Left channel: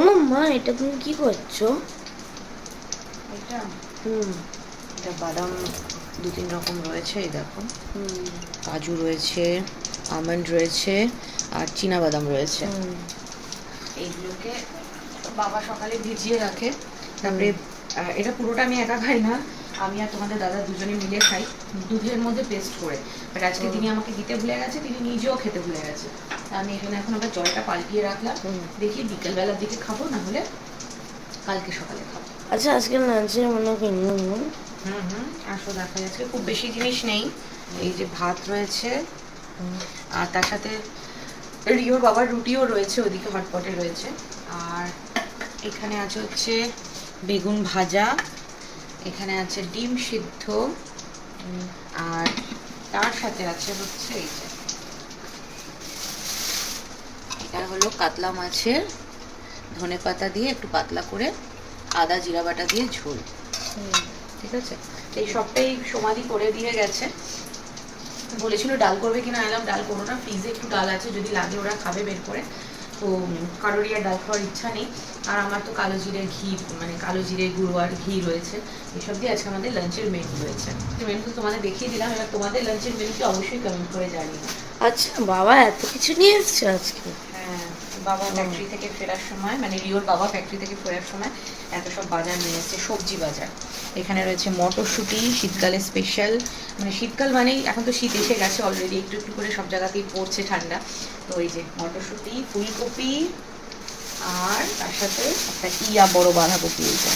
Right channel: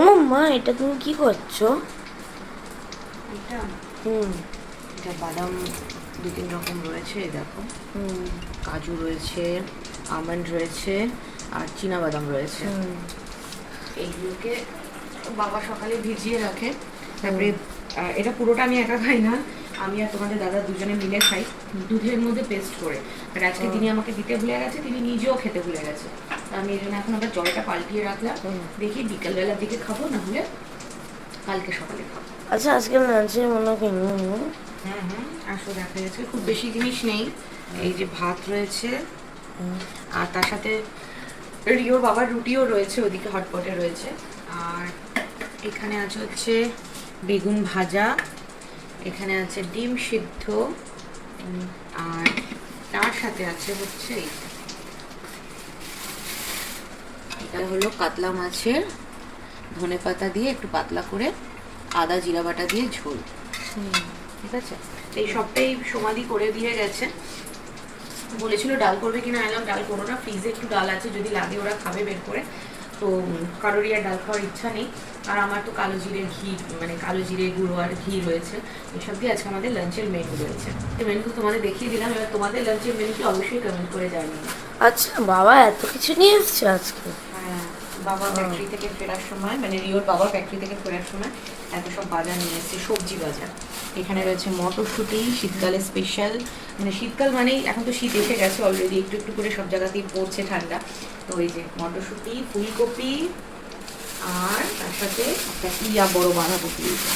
ও মা এটা তুমি কি করছ? এটা? হুম। এটা বাদাম দু তিন রকম রয়েছে এই দেখো। হুম। কাজু রয়েছে আমন্ড রয়েছে আর চীনা বাদাম রয়েছে। এইগুলোকে বাবা সকালে ভিজিয়ে রাখে। তারপরে এটা পুরোটা আমি একা খাই না। আমি আর তোমাদের দাদা দুজনে মিলে খাই। দুধের মধ্যে পেস্ট করে। বাট আজকে তিনি আমাকে দিতে ভুলে গেছে তিনি নিজেও খেতে ভুলে গেছে। আমি এখানে এখন আবার জলটা পাল্টিয়ে রাখলাম। দেখি বিকেলবেলার দিকে খাব না হলে কালকে সকালে খাব। আচ্ছা আজকে লাঞ্চে মনে হয় কিনবো। হুম হুম আসো দেখা যাচ্ছে। খুব বেশি জিনিস নেই। এই যে ভাত রয়েছে আর তার সাথে রিওর বাবার রুটিও রয়েছে ওদিকে হটপটে রয়েছে। আর এখানে আছে হচ্ছে বেগুন ভাজা এখানে আছে ডিম সিদ্ধ আর তার সাথে আছে হচ্ছে এই যে এটা হলো কাতলা মাছের ধনে পাতা দিয়ে একটু পাতলা করে আদা জিরা বাটা দিয়ে ঝোল। ঠিক আছে। এই সবটাই সমাধি করে দিয়ে গেছে। বলেছিল ডাল করবে কিনা এলাম ডাল করো না ফ্রিজে একটু ডাল আছে যদি লাগে ওরা খাবে বের করে। তো কারোরই আর ডাল খাওয়ার ইচ্ছা নেই। আর আমার তো কালো জিরে ঘি মানে কালো জিরে গুঁড়ো আর ঘি রয়েছে। এসব দিয়ে আজকে আমাদের লাঞ্চের মেনু রয়েছে। মেনু তো তোমাদের দেখিয়ে দিলাম এবার তোমাদের লাঞ্চের মেনুকে অবশ্যই কমেন্ট করে জানিয়ে আচ্ছা বাবা এত কিছু নিয়ে এসছো আজকে? বাবা ফ্যাক্টরি থেকে ফেরার সময় মানে রিওর বাবা ফ্যাক্টরি থেকে ফেরার সময় এত সব বাজার নিয়ে এসেছে সবজি বাজার। এখানে রয়েছে মটরশুঁটি শীতকালে স্পেশাল মানে শীতকাল মানেই এখন তো শীত এসে গেছে অলরেডি একটু একটু করে সব জায়গাতেই পড়ছে ঠান্ডা। তো এই যে মটরশুঁটি ফুলকপি আর তার সাথে একটা ইয়া বড় বাঁধাকপি এইটা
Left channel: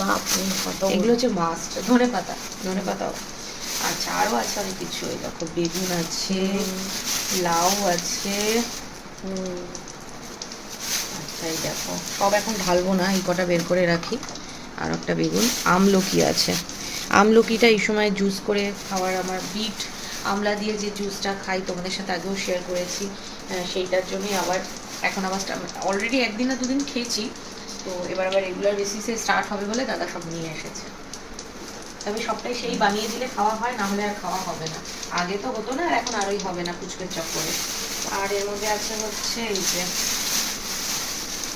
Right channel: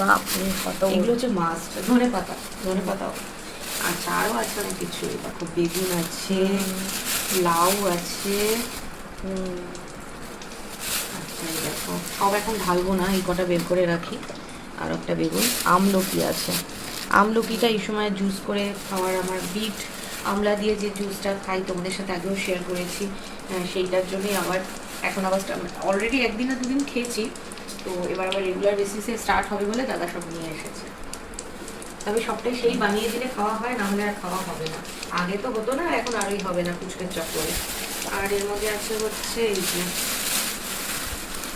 বাপরে কত এগুলো হচ্ছে মাস্ট ধনে পাতা ধনে পাতাও। আচ্ছা আরও আছে অনেক কিছু দেখো বেগুন আছে লাউ আছে। হুম। এই দেখো। সব এখন ঢালবো না এই কটা বের করে রাখি। আর একটা বেগুন। আমলকি আছে। আমলকিটা এই সময় জুস করে খাওয়ার আমার বিট আমলা দিয়ে যে জুসটা খাই তোমাদের সাথে আগেও শেয়ার করেছি। আহ, সেইটার জন্যই আবার এখন আবার অলরেডি একদিন না দুদিন খেয়েছি। তো এবার আবার রেগুলার বেসিসে স্টার্ট হবে বলে দাদা সব নিয়ে এসেছে। তবে সবটাই সেই বানিয়ে দিলে খাওয়া হয় না হলে আর খাওয়া হবে না। আগে তো হতো না আর এখন আরই হবে না কুচকে চক্করে। আর এর মধ্যে আছে হচ্ছে এই যে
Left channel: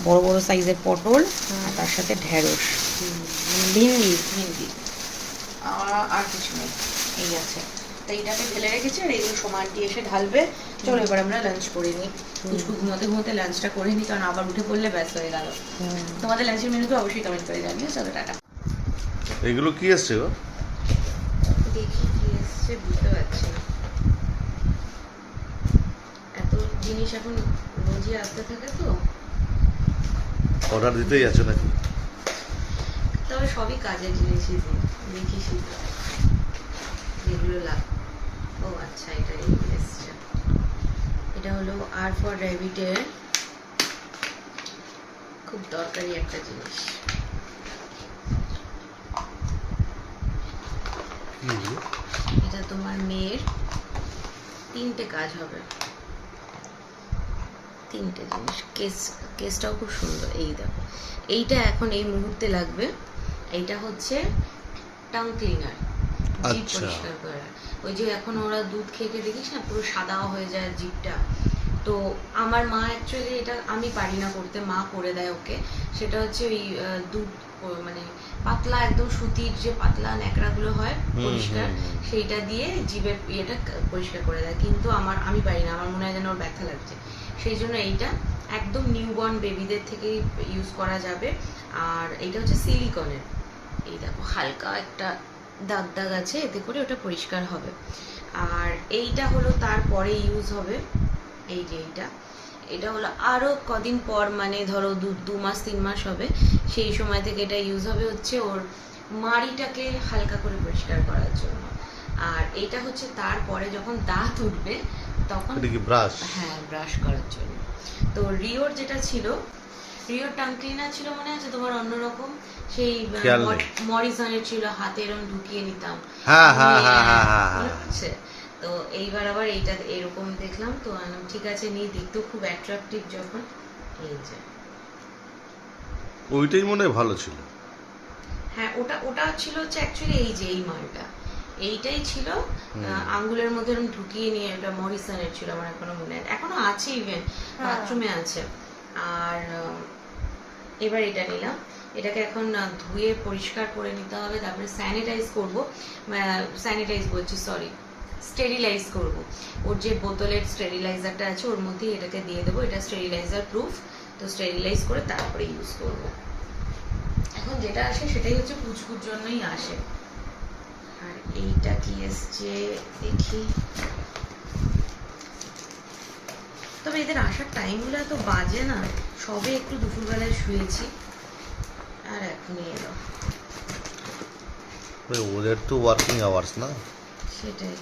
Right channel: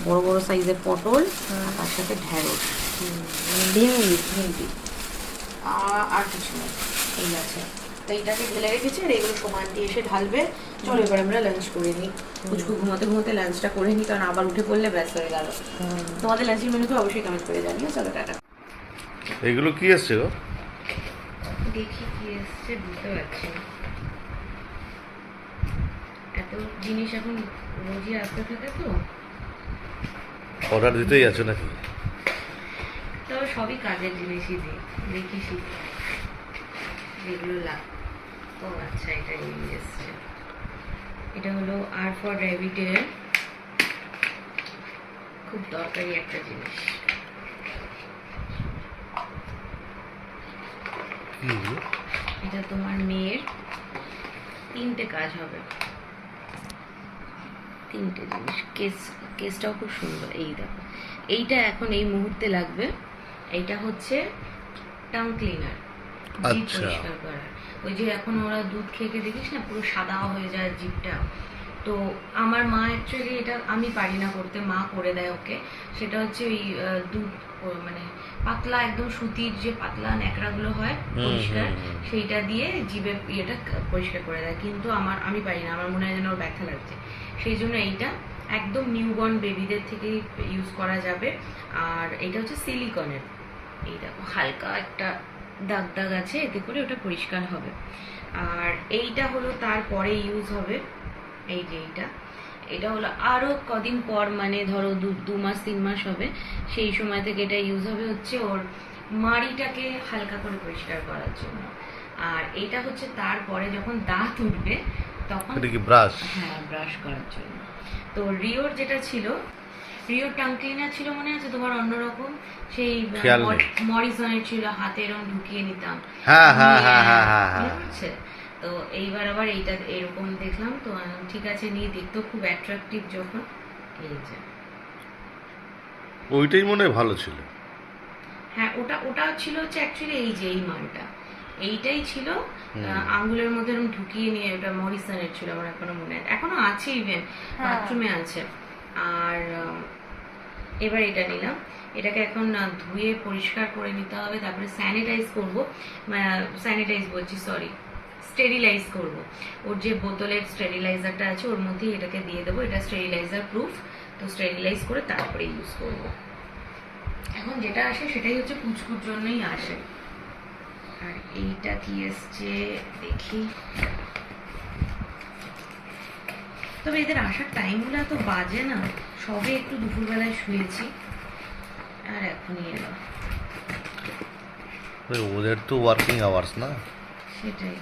বড় বড় সাইজের পটল আর তার সাথে ঢেঁড়স। হুম, মানে ভিন্ডি ভিন্ডি। আর আর কিছু নেই। এই আছে। তো এইটাকে ঢেলে রেখেছি আর এগুলো সমানটি এসে ঢালবে। চলো এবার আমরা লাঞ্চ করে নিই। কুচকু ঘুমোতে ঘুমোতে লাঞ্চটা করে নিই কারণ আবার উঠে পড়লে ব্যস্ত হয়ে গেল। তোমাদের লাঞ্চের মেনুকে অবশ্যই কমেন্ট করে জানিও। চলো টাটা। এগুলো কি এসছে গো? দেখি কি এসছে বুঝতে পারছি না। এত জিনিস এখন রোজই আসতে থাকে তো। অর্ডার দিতেই আছো নাকি? তবে সবই কাজের জিনিসই দিই দেখি শিখি। যেগুলো লাগ ও আচ্ছা এটা এই এসছে। এটা হলো আর ফর র্যাবিটের খুব দরকারি একটা জিনিস। এটা তোমার মেয়ের তিনটে কাজ হবে। তিনটে জিনিস। কেস কেসটাও খুব সুন্দর। এই দেখো। এইটা এখন এই মুহূর্তে লাগবে। এইটা হচ্ছে টাং ক্লিনার। জিভ আচ্ছা। পরিষ্কার করা ওই যে এখন ওরা দুধ খেয়ে খেয়ে দেখিস না পুরো সাদা হয়ে যায় জিভটা তো আমার মা অ্যাকচুয়ালি এটা আমি পারি না করতে মা করে দেয় ওকে। সেটা হচ্ছে ওই দুধ মানে পাতলা একদম সুতির যে পাতলা ন্যাকড়াগুলো হয় পরিষ্কার। সেইটা দিয়ে জিভের ইয়েটা পরিষ্কার করে দেয়। কিন্তু আমার আমি পারি না। আমার মনে হয় যেন ওর ব্যথা লাগছে। সেই জন্য এইটা একদম নিউবর্ন বেবিদের থেকেই ইউজ করা যাবে। আর এইটা হচ্ছে সিলিকনের এই দেখো, হালকা একটা দাগ দাগ আছে, এতে করে ওটা পরিষ্কার হবে। আর এইটা হলো তারপরে ইউজ হবে। এই যে এইটা। এটা হলো আরও কদিন পর মানে ধরো দু দু মাস, তিন মাস হবে, সেই সময় থেকে এটা ইউজ হবে হচ্ছে ওর মাড়িটাকে হালকা করে পরিষ্কার করার জন্য। আর এটা হচ্ছে তারপরে যখন দাঁত উঠবে তখন এটা কি ব্রাশ হ্যাঁ ব্রাশ করার জন্য। তো রিওর যেটা ছিল রিওর টাং ক্লিনার ছিল মনে আছে তোমার অন্যরকম? সেই। মরিসনের ছিল হাতে এরকম ঢুকিয়ে নিতাম। হ্যাঁ, হ্যাঁ, হ্যাঁ, হ্যাঁ, হ্যাঁ, হ্যাঁ। তো এইবার আবার এইটা এরকম দেখলাম। তো ঠিক আছে নিয়ে দেখতেও খুব অ্যাট্রাকটিভ যখন। এই যে। ওইটাই মনে হয় ভালো ছিল। হ্যাঁ ওটা ওটা ছিল হচ্ছে অ্যাকচুয়ালি এই যে এই মালটা। এইটাই ছিল। আঙ্গুলের মধ্যে এরকম ঢুকিয়ে নিয়ে ওটা মরিসনের ছিল আমার এখনও মনে আছে। এখনও আছে ইভেন বাথরুমে আছে। আর এবার এটা নিলাম। এটাকে এখন ধুয়ে পরিষ্কার করে নিতে হবে তারপরে স্যানিটাইজ করব। স্যানিটাইজ বলছি সরি স্টেরিলাইজ করব। ওর যে বোতলের স্টেরিলাইজারটা আছে ওর মধ্যে এটাকে দিয়ে দেবো। এটা স্টেরিলাইজার প্রুফ তো স্টেরিলাইজ করে তারপরে ইউজ করব। এখন যেটা আসে সেটাই হচ্ছে পুচকুর জন্যই আসে। আর এইটা কি এসছে দেখি। তবে এদের আসার টাইমগুলো এত বাজে না। সবে একটু দুপুরবেলায় শুয়েছি। আর এখনই এলো। ওই ওদের তো ওয়ার্কিং আওয়ার্স না? সেটাই।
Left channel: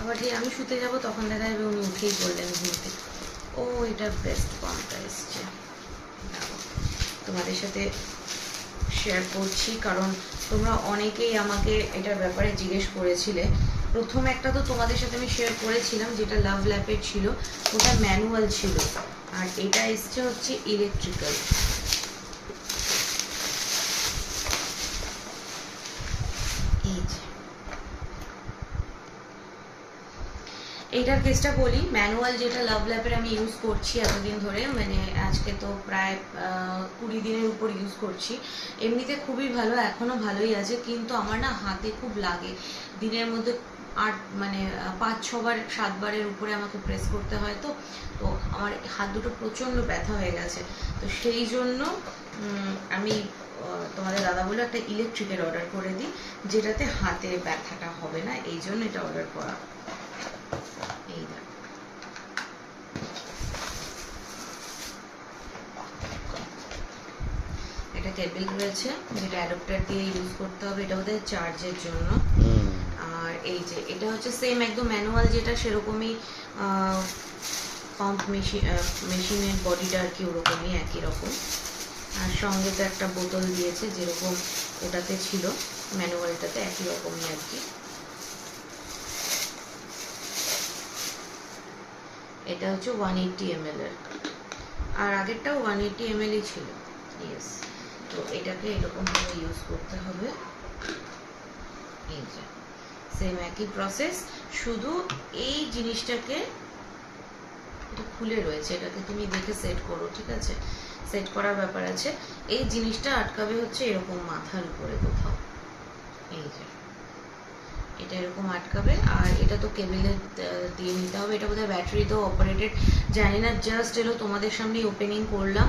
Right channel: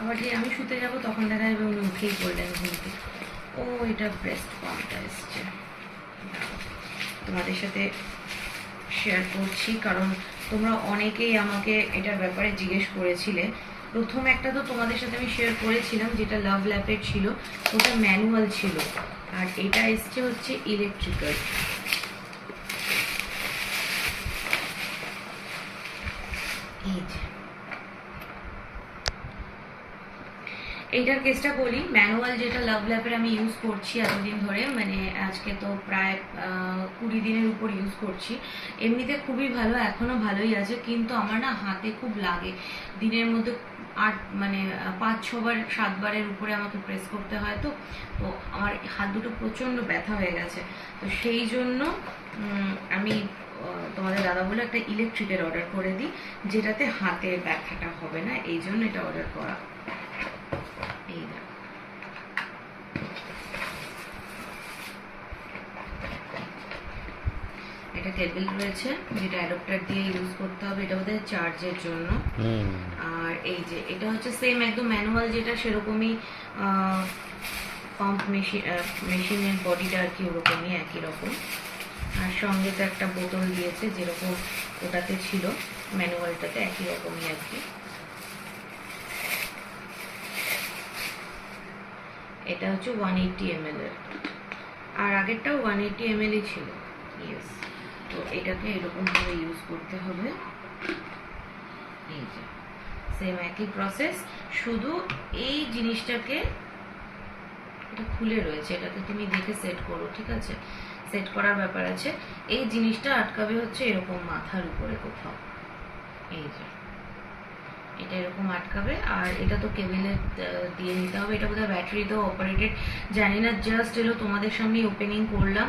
আবার যে আমি শুতে যাব তখন দেখা যাবে উনি উঠেই পড়লেন ঘুম থেকে ও এটা ব্রেস্ট পাম্পটা এসছে। তোমাদের সাথে শেয়ার করছি কারণ তোমরা অনেকেই আমাকে এটার ব্যাপারে জিজ্ঞেস করেছিলে। প্রথম একটা তো তোমাদের সাথে আমি শেয়ার করেছিলাম, যেটা লাভ ল্যাপের ছিল, ওটা ম্যানুয়াল ছিল। আর এটা এসছে হচ্ছে ইলেকট্রিক্যাল এই যে। এইটার কেসটা বলি। ম্যানুয়াল যেটা লাভ ল্যাপের আমি ইউজ করছি এতদিন ধরে মানে আজকে তো প্রায় কুড়ি দিনের উপর ইউজ করছি। এমনিতে খুবই ভালো এখনও ভালোই আছে, কিন্তু আমার না হাতে খুব লাগে। দিনের মধ্যে আট মানে পাঁচ, ছবার, সাতবারের উপরে আমাকে প্রেস করতে হয় তো তো আমার হাত দুটো প্রচণ্ড ব্যথা হয়ে গেছে। তো সেই জন্য আমি তোমাদের দাদা বলে একটা ইলেকট্রিকের অর্ডার করে দিই, যেটাতে হাতে ব্যথাটা হবে না, এই জন্য এটা অর্ডার করা। এই দেখো এটা টেবিল রয়েছে যেটা অ্যাডাপ্টার দিয়ে ইউজ করতে হবে এটা বোধহয় চার্জের জন্য। আর এই যে এটা হচ্ছে সেম একদম ম্যানুয়াল যেটা সেরকমই পাম্প মেশিন মেশিনের বডিটা আর কি ওরকমই একই রকম। আর সঙ্গে তো একটা বোতল দিয়েছে যেরকম ওটাতে ছিল ম্যানুয়ালটাতে একই রকমই আর কি। এটা হচ্ছে ওয়ান এইটটি এম এর আর আগেরটাও ওয়ান এইটটি এম এলই ছিল। ইয়েস তো এটাকে এরকমভাবে ইউজ করতে হবে। এই যে সেম একই প্রসেস শুধু এই জিনিসটাকে এটা খুলে রয়েছে। এটাকে তুমি দেখে সেট করো, ঠিক আছে? সেট করার ব্যাপার আছে। এই জিনিসটা আটকাবে হচ্ছে এরকম মাথার উপরে কোথাও। এই যে এটা এরকম আটকাবে। আর এটা তো কেবিলে দিয়ে নিতে হবে। এটা বোধহয় ব্যাটারি তো অপারেটেড জানি না জাস্ট এলো তোমাদের সামনেই ওপেনিং করলাম।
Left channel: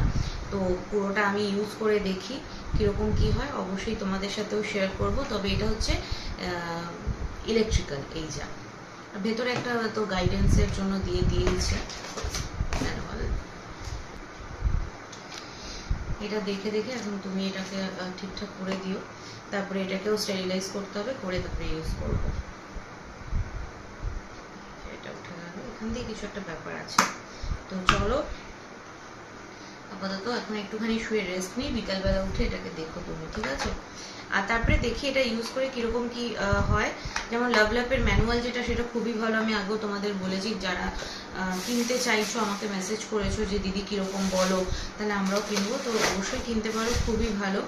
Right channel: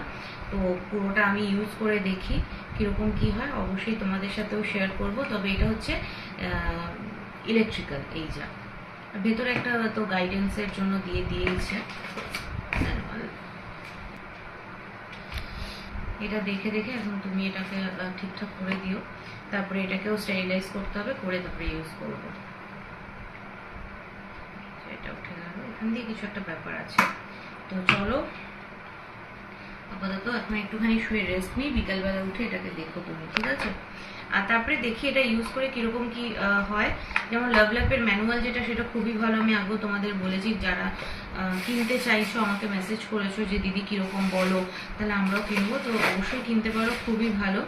তো পুরোটা আমি ইউজ করে দেখি কীরকম কি হয়। অবশ্যই তোমাদের সাথেও শেয়ার করব। তবে এটা হচ্ছে ইলেকট্রিক্যাল এই যা। ভেতরে একটা তো গাইডেন্সের জন্য দিয়ে দিয়েছে। এটা দেখে দেখে এখন তুমি এটাকে ঠিকঠাক করে দিও। তারপরে এটাকেও স্টেরিলাইজ করতে হবে, করে তারপরে ইউজ করব। এটা উঠে গেল। এখান দিয়ে কিছু একটা ব্যাপার আছে। তো চলো, আপাতত এখন একটুখানি শুয়ে রেস্ট নিই, বিকালবেলা উঠে এটাকে দেখো তুমি, ঠিক আছে? আর তারপরে দেখি এটা ইউজ করে কীরকম কি হয়। যেমন লাভ ল্যাপের ম্যানুয়াল যেটা, সেটা খুবই ভালো। আমি আগেও তোমাদের বলেছি, যারা কিনতে চাইছো, আমাকে মেসেজ করেছ যে, দিদি কীরকম বলো? তাহলে আমরাও কিনবো। তো অবশ্যই কিনতে পারো, খুবই ভালো।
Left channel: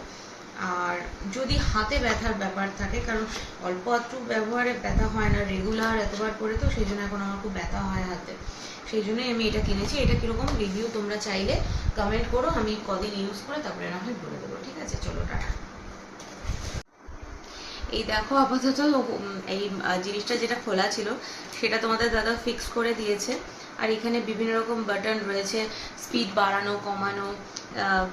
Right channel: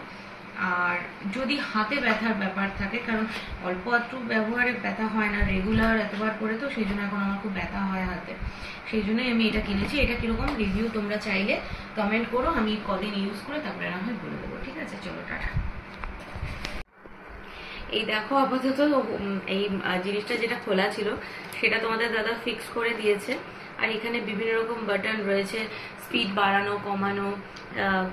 আর যদি হাতে ব্যথার ব্যাপার থাকে, কারণ অল্প একটু ব্যবহারে ব্যথা হয় না রেগুলার এতবার করে তো সেই জন্য এখন আমার খুব ব্যথা হয় হাতে। সেই জন্যই আমি এটা কিনেছি। এটা কীরকম রিভিউ তোমরা চাইলে কমেন্ট করো, আমি কদিন ইউজ করে তারপরে না হয় বলে দেবো। ঠিক আছে? চলো, টাটা। এই দেখো আপাতত এই জিনিসটা যেটা খোলা ছিল, সেটা তোমাদের দাদা ফিক্স করে দিয়েছে। আর এখানে বিভিন্ন রকম বাটন রয়েছে স্পিড বাড়ানো, কমানো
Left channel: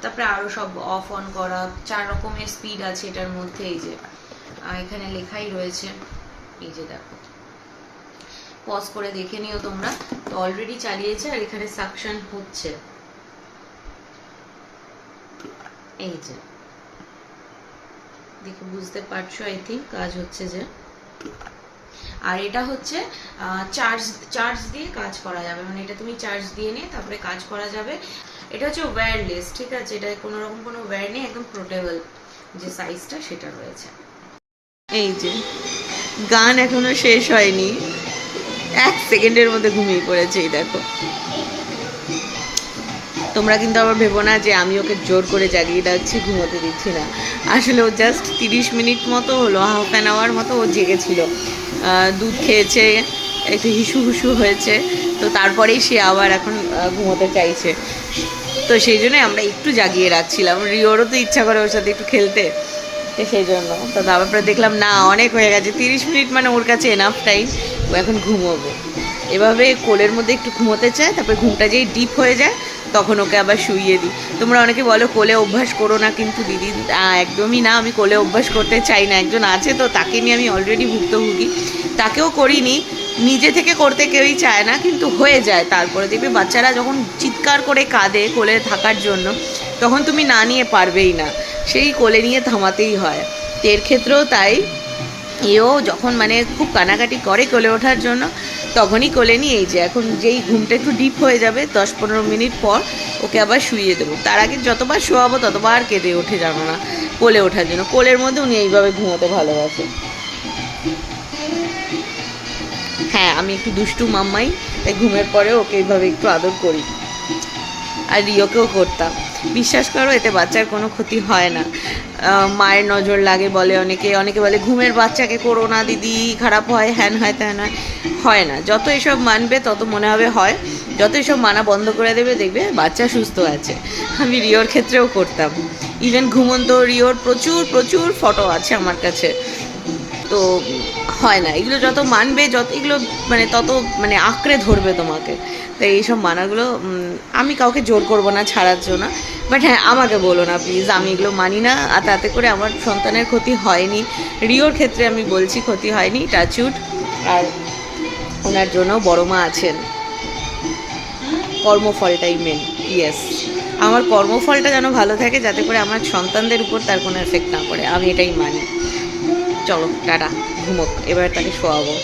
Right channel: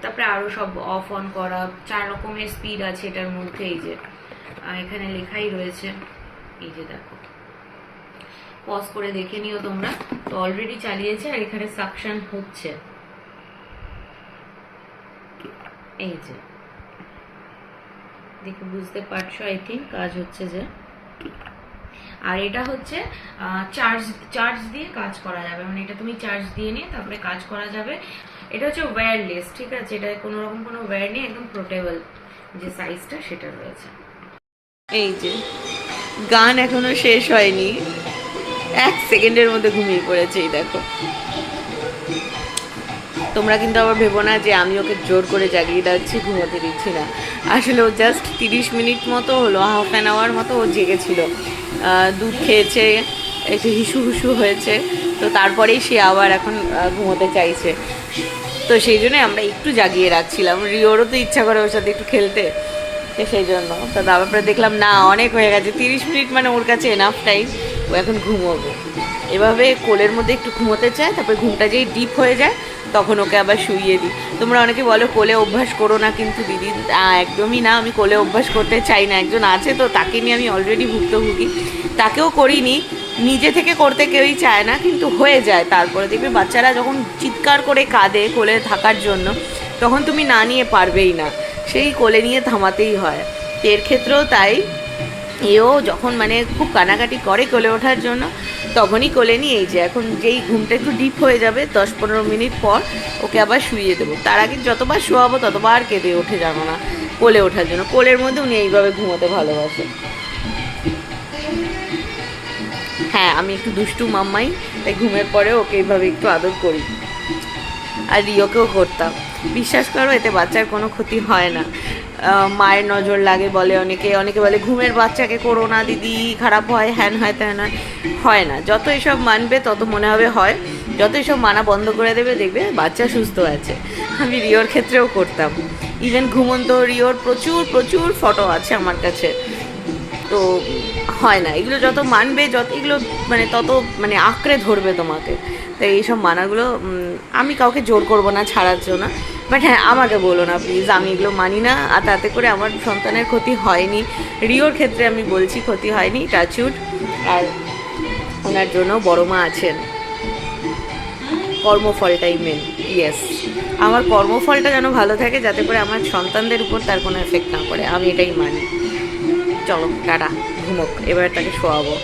তারপরে আরও সব অফ অন করা, চার রকমের স্পিড আছে এটার মধ্যে, এই যে। এখানে লেখাই রয়েছে, এই যে দেখো। পজ করে দেখে নিও তোমরা, তো অলরেডি চালিয়েছে আর এখানে সাকশন হচ্ছে। এই যে। দেখে বুঝতে পারছ আই থিঙ্ক কাজ হচ্ছে যে। আর এটা হচ্ছে চার্জ চার্জ দিয়ে কাজ করা যাবে। মানে এটা তুমি চার্জ দিয়ে নিয়ে তারপরে কাজ করা যাবে। এটা হচ্ছে ওয়্যারলেস ঠিক আছে? এটা কোনো রকম কোনো ওয়্যার নেই, একদম পোর্টেবল যে সাইজটা সেটা রয়েছে। এই যে, গান এখনও শেষ হয়নি। এক সেকেন্ডের মধ্যে ঘুমিয়ে পড়েছে, এই দেখো। তোমরা কিন্তু আবার ভেবো না যে আমি ওকে জোর করে জাগিয়ে যাচ্ছি ঘুমোতে দিচ্ছি না। আসলে ও জাস্ট তিরিশ মিনিট মতো হলো হাফ অ্যান আওয়ার মতো ও জেগেছিল। দুধ খেয়েছে, একটু হিসু হুসু হয়েছে, তো তারপরেই সে আবার এখন ঘুমোতে চাইছে। তো সেই জন্যই আমরা একটু জাগিয়ে রাখছিলাম। রিওরও তো ইচ্ছা করে ওর সাথে একটু খেলতে, তো সেই জন্য। তো তারপরে দেখলাম, না, অনেক হয়ে গেছে। তিরিশ মিনিট মানে ওর কাছে এনাফ টাইম ও এখন ঘুমোবে। এভাবে কোলের মধ্যে একটু ঘুমোতে চায়, তারপরে ঘুমটা যেই ডিপ হয়ে যায় তখন ওকে আবার শুইয়ে দিই। তোমরা অনেকে বলো কোলে অভ্যাস করো না, কিন্তু দিদি একদমই না, আমি কোলে অভ্যাস করতে চাই না, একজন আছে তো, তাকে নিয়ে আমি অলরেডি ভুক্তভোগী। তাকেও করিনি, নিজে থেকে করতে কেউই চায় না, কিন্তু হয়ে যায়। তারপরে দেখবে বাচ্চারা যখন চিৎকার করে কাঁদে কোলে থাকার জন্য, তখন তুমি না নিয়ে পারবেই না। সেই কোলে নিয়ে থামাতেই হয়। এর ক্ষেত্রেও তাই। এও যখন মানে খুব কানাকাটি করে কোলে ওঠার জন্য তখনই কোলে নিয়ে এই যে এখন যেই ঘুমটা একটু ডিপ হয়ে যাবে, দশ পনেরো মিনিট পর ওকে আবার শুইয়ে দেবো। তার আগে যতবার শোয়াবো, ততবার কেঁদে ওঠে যাব না, কোলে ওঠার জন্য। কোলের মধ্যে উনি এইভাবে ঘুমোতে ভালোবাসে হ্যাঁ আমি একটু দুষ্টু মাম্মাই, এই ঘুমের পরে ওকে এইভাবে একটু আদর করি। আর রিওকেও করতাম। বিশ্বাস করো, এতে বাচ্চার কোনো ক্ষতি হয় না। মায়ের নজর লাগে বলে অনেকে। অনেকে বলে, ঘুমের বাচ্চাকে করো না, দিদি, খারাপ হয়, হ্যান হয়, ত্যান হয়। হয় না। যত এসব মানবে, তত মনে হবে হয়। যত এসব মানা বন্ধ করে দেবে, দেখবে বাচ্চা সুস্থ আছে। আমি রিওর ক্ষেত্রেও করতাম। ইভেন ঘুমন্ত রিওর প্রচুর প্রচুর ফটো আছে আমার কাছে। তো হয় না। এগুলো যত মানবে, যত এগুলো মানে তত মানে আঁকড়ে ধরবে তোমাকে। তাই এইসব মানাগুলো আমি কাউকে জোর করব না ছাড়ার জন্য বাট হ্যাঁ আমাকে বলো না প্লিজ আমি এগুলো মানি না। আর তাতে করে আমার সন্তানের ক্ষতি হয়নি। রিওর ক্ষেত্রে আমি বলছি ক্ষতি হয়নি টাচুড আর ওনার জন্য বড় মা আছেন। কর্মফলটাই মেন ইয়েস আমার কর্মফলটা যেন ভালো থাকে, যাতে করে আমার সন্তানদের উপর তার কোনো এফেক্ট না পড়ে। আমি এটাই মানি। চলো, টাটা, ঘুমোক। এবার তাকে শোয়াবো।